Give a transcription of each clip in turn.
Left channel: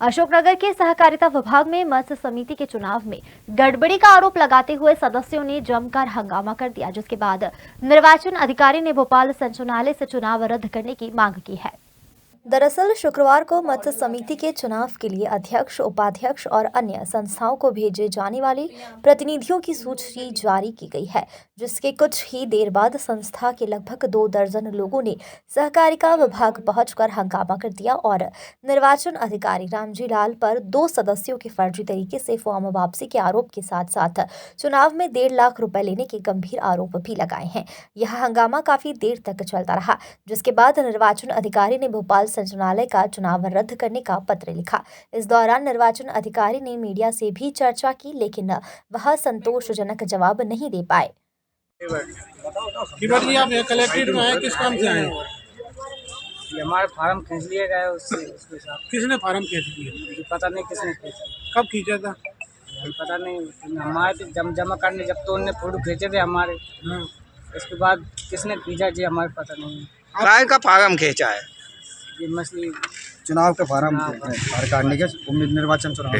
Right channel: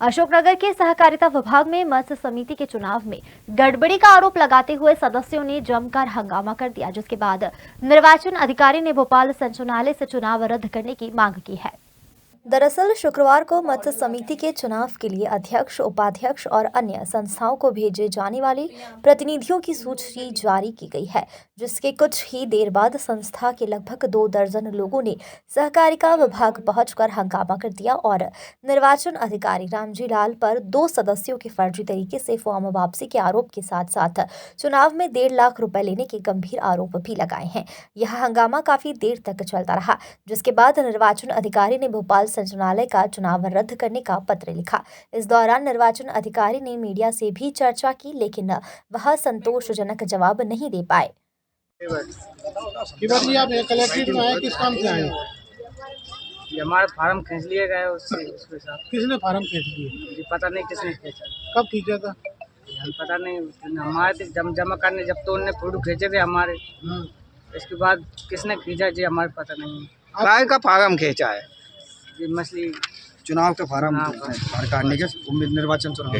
अशोकनगर के सहकारिता विभाग में मत्स्य समिति के चुनाव में गड़बड़ी का आरोप लगाते हुए सदस्यों ने जमकर हंगामा कर दिया, जिसके बाद निर्वाचन अधिकारी ने भोपाल संचालनालय से चुनाव रद्द करने की मांग की है। दरअसल शुक्रवार को मत्स्य समिति के चुनाव के लिए अध्यक्ष, उपाध्यक्ष और अन्य संस्थाओं को भेजे जाने वाले प्रतिनिधियों की सूची जारी की गई है, जिसके कुछ ही देर बाद संस्था के लगभग 2 दर्जन लोगों ने सहकारिता विभाग पहुंचकर हंगामा कर दिया और निर्वाचन अधिकारी रामजी लाल पर 2 सदस्यों के फर्जी तरीके से फॉर्म वापसी के आरोप के साथ साथ चुनाव में 1.5 लाख रुपए लेने के गंभीर आरोप भी लगाए हैं। यह हंगामा काफी देर तक चलता रहा, जिसके बाद निर्वाचन अधिकारी ने भोपाल संचालनालय का चुनाव रद्द करने का पत्र लिखा। इस दौरान निर्वाचन अधिकारी ने मीडिया से भी चर्चा की, लेकिन वह संतोषजनक जवाब नहीं दे पाए। आप कलेक्ट्रेट में आए, किस काम से आए? हमारे फार्म खींच लिए गए उसके साथ। किसने फार्म खींच लिया? पता नहीं किसने खींचा। कब खींचा था? हम पता नहीं, हमारे जमा करने जब तो उनने फोटो खींचे थे हमारे, इसके बाद किसने खींचा जी हमारे पता नहीं। काय का फार्म खींचा है? ये मछली चुनाव के फार्म काटने के निर्वाचन चुनाव।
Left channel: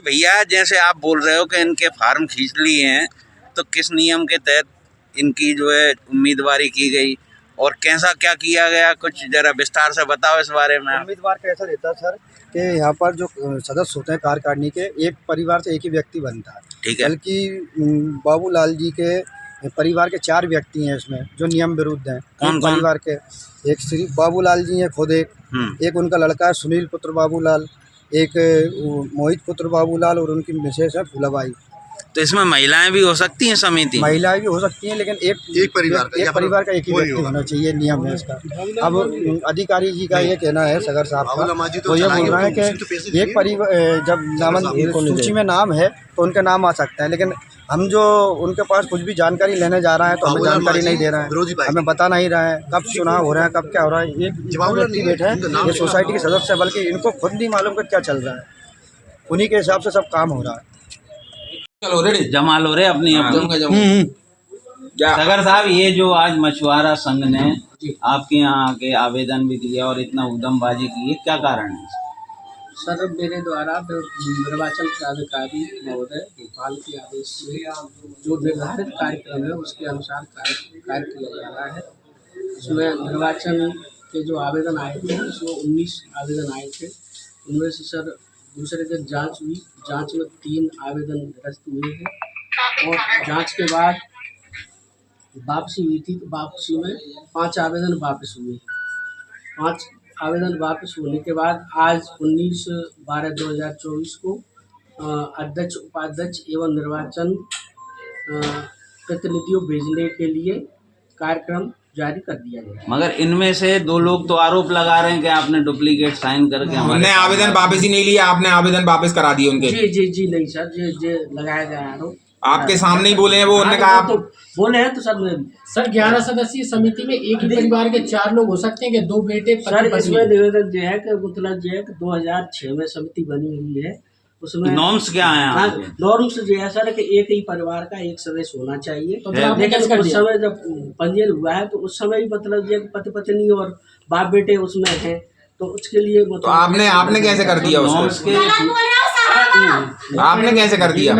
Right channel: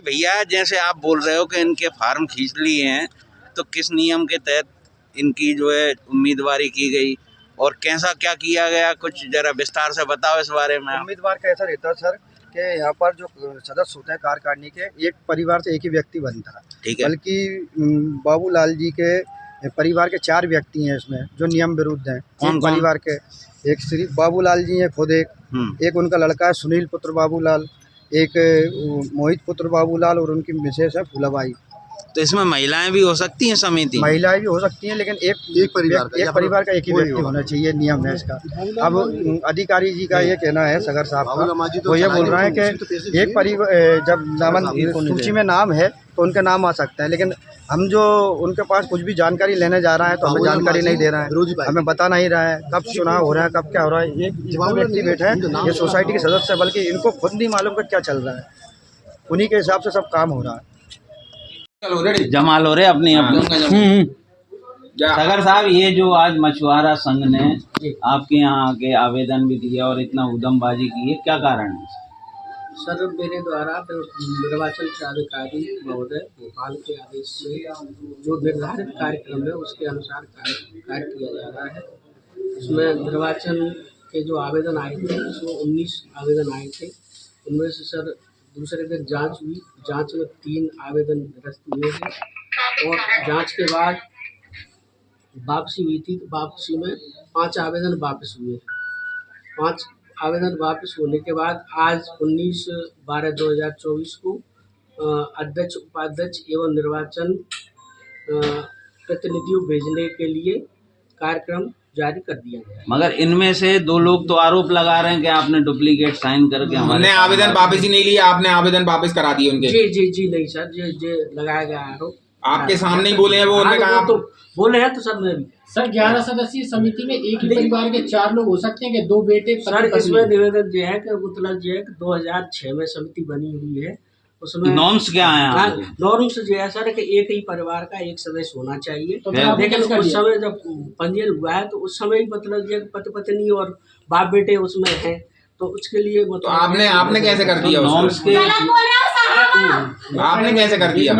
भैया जैसे आप बोल रहे हो कि इनके फार्म खींच लिए हैं, तो किस नियम के तहत इनकी जो है उम्मीदवारी की गई और कैसा क्या किया गया, कुछ जरा विस्तार से बताओ इस बारे में। उम्मीदवार का ऐसा रहता है सर कि यहाँ पर जो सदस्य होते हैं कार्यकारिणी के, एक परिवार से एक ही व्यक्ति बनता है। ठीक है। बल्कि बाबूलाल जी के परिवार के 4 व्यक्ति हैं इसमें जो नियम विरुद्ध हैं। कौन परिवार के एक श्री बाबूलाल जी हैं खुद, एक उनका लड़का है सुनील पुत्र बाबूलाल, एक मोहित पुत्र बाबूलाल और उनकी मिसेस है फूलाबाई। तो इसमें महिलाएं भी हो सकती हैं समिति? महिलाएं भी हो सकती हैं, लेकिन एक परिवार का एक ही व्यक्ति होना चाहिए, नियम है इसका। अब अधिकारी जी का ये कहना है, सगर साहब का, वो ये बोल रहा है कि एक परिवार जब नामन सूची में नाम है तो उनका नाम आ सकता है, लेकिन हम जो उनके पास कुछ भी जानकारी लेने जा रहे हैं तो हमें जानकारी नहीं दे रहा है, हमें बता नहीं रहा है कब चुनाव हो रहा है, कब क्या हो रहा है। एक व्यक्ति बैठे हैं, ये सोसाइटी के सदस्य है, बल्कि इनको खुद नहीं मालूम कि क्या चल रहा है, उन्हीं के हिसाब से सब काम हो रहा है। जमा लो रे अपनी सगर साहब, ये जो आज मछुआरा संघ ने आपके यहाँ आके आवेदन भी दिया और इतना उद्यमबाजी की है, क्या कारण है? सर, मेरे द्वारा निर्वाचन अधिकारी महोदय भोपाल के आदेश से जो निर्धारित कार्यक्रम है उसके अनुसार कार्य किया जा रहा है। उसमें निर्वाचन के जो आवेदन आए थे उसमें 19 आवेदन आए थे। उनमें से सर दूसरे दिन जांच हुई, जांच में 3 आवेदन निरस्त हुए थे और जांच के बाद वापसी हुई थी, तो वापसी में 5 आवेदन वापस हुए। 5 आवेदन वापस होने के बाद आज 19/12/2024 को अध्यक्ष, उपाध्यक्ष एवं निर्वाचन प्रतिनिधियों भेजने के लिए कार्यक्रम जारी कर दिया गया। मगर इनमें से 2 लोग तो आरोप लगा रहे हैं कि आपने डुप्लीकेट साइन करके हमने आवेदन वापस ही नहीं लिया, आपने आवेदन वापस करा दिए उनके। जी नहीं सर, ये लगाया गया आरोप आपके सामने ही बोले हैं वो। उन्होंने कहा तो बोले हैं तो सर 11 सदस्यीय समिति में एक ही परिवार के 4 लोग हो सकते हैं कि 2 बेटे? सर इसमें निवेदन जो है कि मतलब जो है कि 2006 में समिति बनी हुई है। उसमें नॉर्म्स क्या है? नॉर्म्स जो है सर कि एक ही परिवार का एक सदस्य होना चाहिए। तो लेकिन उस समय जब पंजीयन हुआ है तो उस समय ही मतलब जो पति पत्नी और बाप बेटे उसमें हैं, तो उसके लिए मतलब तो आपने कैसे कर दिया? नॉर्म्स के आपने कैसे कर दिया?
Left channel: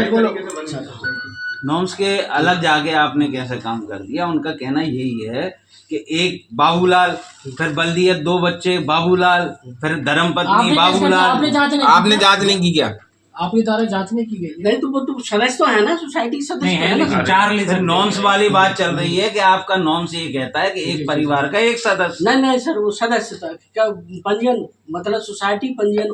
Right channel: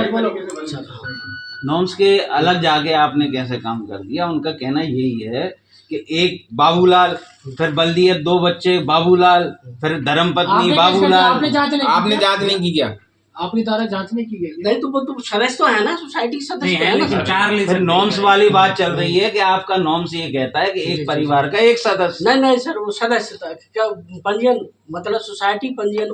नॉर्म्स के अलग जाके आपने कैसे काम कर दिया? उनका कहना यही है कि एक बाबूलाल, फिर बल्दियत 2 बच्चे बाबूलाल, फिर धर्मपत्नी बाबूलाल। आपने जांच नहीं की क्या? आपके द्वारा जांच नहीं की गई? नहीं, तो वो तो सदस्य तो है ना, सोसाइटी सदस्य है ना। 4 नॉर्म्स वाली बात चल रही है कि आपका नॉर्म्स ये कहता है कि एक परिवार का एक सदस्य। नहीं सर, वो सदस्य क्या पंजीयन मतलब सोसाइटी पंजीयन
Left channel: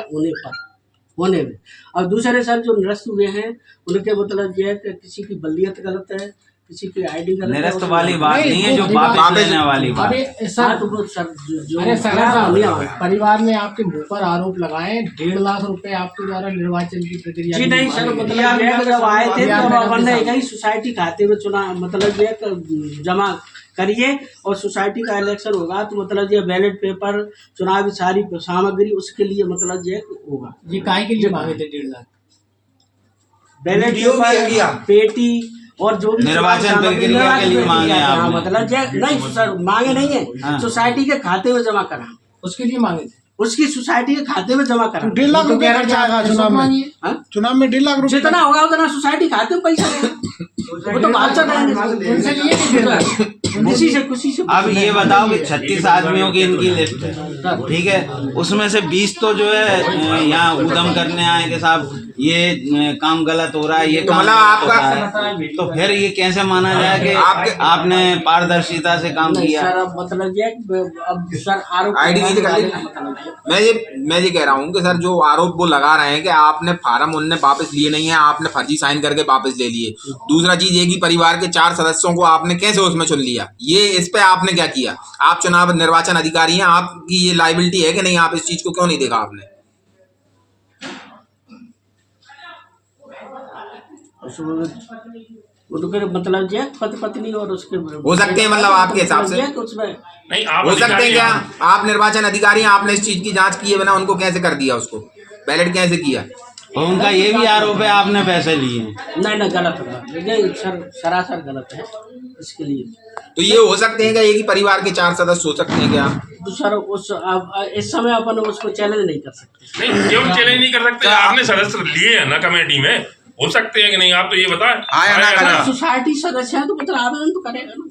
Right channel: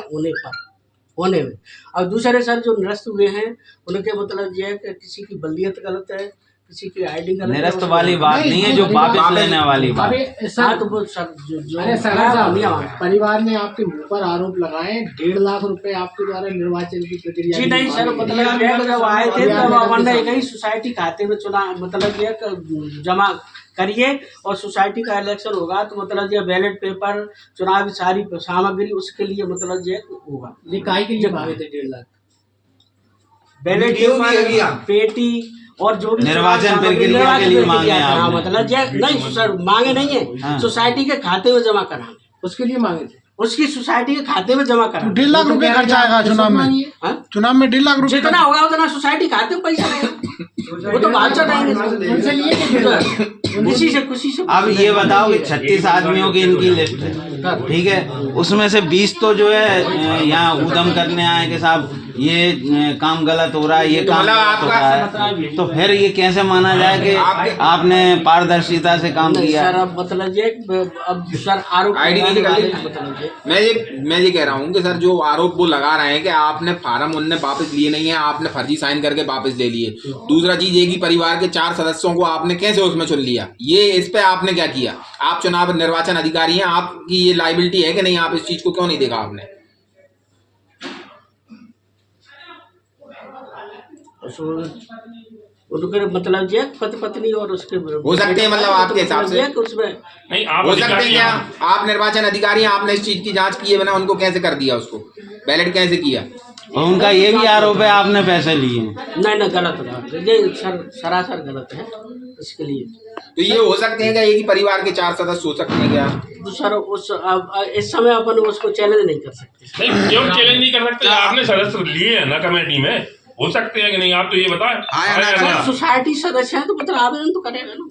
होने में। और दूसरे सर जो निरस्त हुए हैं उनके मतलब ये है कि किसी की बल्दियत गलत है, किसी की आईडी गलत है। निरस्त वाली बात नहीं है, जो वापस लेने वाली बात। परिवार ने आपके मुंह पर आरोप लगाए 1.5 लाख रुपए आपके द्वारा निर्वाचन की प्रक्रिया। जी नहीं सर, मतलब जब आए थे तो सोसाइटी खाते में चुनाव मतलब ये जमा करिए और सोसाइटी का इलेक्शन होगा तो मतलब ये बैलेट पेपर, चुनावी सारी सामग्री उसके लिए मतलब ये होगा। ये काहे के लिए मांगे थे 1.5 लाख? बैलेट पेपर, पेटी और जो भी निर्वाचन प्रक्रिया के लिए मांगे हैं। मतलब नहीं सर, मांगे नहीं है, सोसाइटी के खाते में जमा कराना, उसके लिए मांगे थे। उसकी सोसाइटी के खाते में जमा करा। 1.5 लाख रुपए खर्चा आएगा चुनाव में। हाँ? चुनाव में 1.5 लाख रुपए जितना होगा उतना सोसाइटी खाते में पैसा रहेगा। वो तो बादशाह रहेंगे खुशी से खुशी से। अब ये बताओ कि 36 आदमियों की इनकी लिस्ट है, ठीक है, उसमें से 20 तो जो है यहाँ उद्यम करने आए कि साहब ये काम गलत हो रहा है, ये काम गलत हो रहा है, तो फिर ये कैसे माना जाए कि आपने पारदर्शिता से काम किया? सर अब मतलब ये अब सर आरोप मैं ये कह रहा हूँ कि सर जो आरोप वो लगा रहे हैं कि आपने फार्म उनने वापस लिए नहीं है, आपने फर्जी साइन करके वापस ले लिए। दूसरा चीज ये कि परिवार के 4 सदस्यों को आपने कैसे उसमें चुन लिया, ये इस पे आपने क्या किया? आप चुनाव निर्वाचन अधिकारी हैं, आपकी ये लायबिलिटी है कि नहीं? आप इस चीज को क्यों नहीं देखा आपने? मतलब जो पति पत्नी और उसके हो सकते हैं, मतलब आपके हिसाब से उसमें नहीं आप हो सकते हैं क्या? आप निर्वाचन अधिकारी हैं, आपने इस चीज की जांच किए बिना उनको कैसे कर दिया, उसको बैलेट कैसे किया? और उनका ये भी आरोप है आपने पैसे लिए हैं। नहीं गलत है ये सरासर गलत है। इसके लिए तो ये हो सकते हैं क्या ये कि परिवार के 4 सदस्य हो सकते हैं क्या? तो सर उस इस समय अपन उसको चैलेंज नहीं कर सकते। नहीं क्यों चैलेंज नहीं कर सकते? आपने सदस्य लिए है ना कमेटी में, हो सकते हैं कि नहीं? आप तो ये बताएं। सोसाइटी सदस्य है तो मतलब आवेदन तो करेगा ना।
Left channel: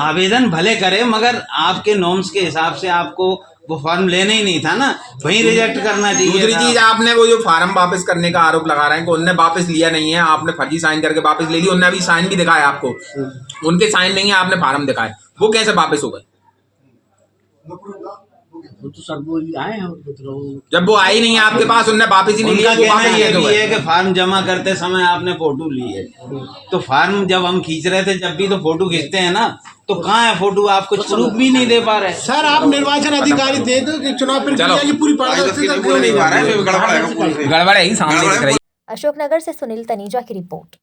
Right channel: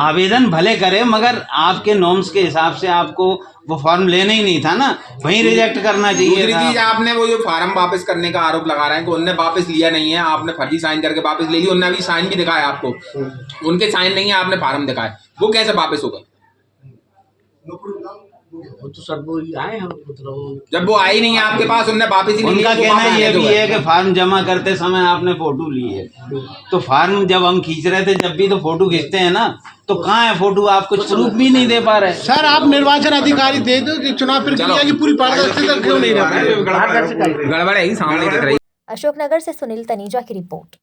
आवेदन भले करे, मगर आपके नॉर्म्स के हिसाब से आपको वो फॉर्म लेना ही नहीं था ना, वहीं रिजेक्ट करना चाहिए। दूसरी चीज, आपने वो जो फार्म वापस करने का आरोप लगा रहे हैं कि उनने वापस लिया नहीं है, आपने फर्जी साइन करके वापस ले लिया। उनने अभी साइन भी दिखाया आपको, उनके साइन नहीं है, आपने फार्म दिखाया, वो कैसे वापस हो गए? वो तो सर वो आए हैं मतलब जब वो आई नहीं है आपके पास, उनने वापस ही नहीं उनका लिया। कहना ये भी है कि फार्म जमा करते समय आपने फोटो ली है, तो फार्म जब हम खींच रहे थे जब भी तो फोटो खींचते हैं ना, तो कहाँ है फोटो? आप कुछ प्रूफ भी नहीं दे पा रहे। सर आप निर्वाचन अधिकारी दे दो कि चुनाव प्रक्रिया की पूरी पारदर्शिता क्यों नहीं रहा है? गड़बड़ है ही सामने दिख रही है। अशोकनगर से सुनील तनीजा की रिपोर्ट।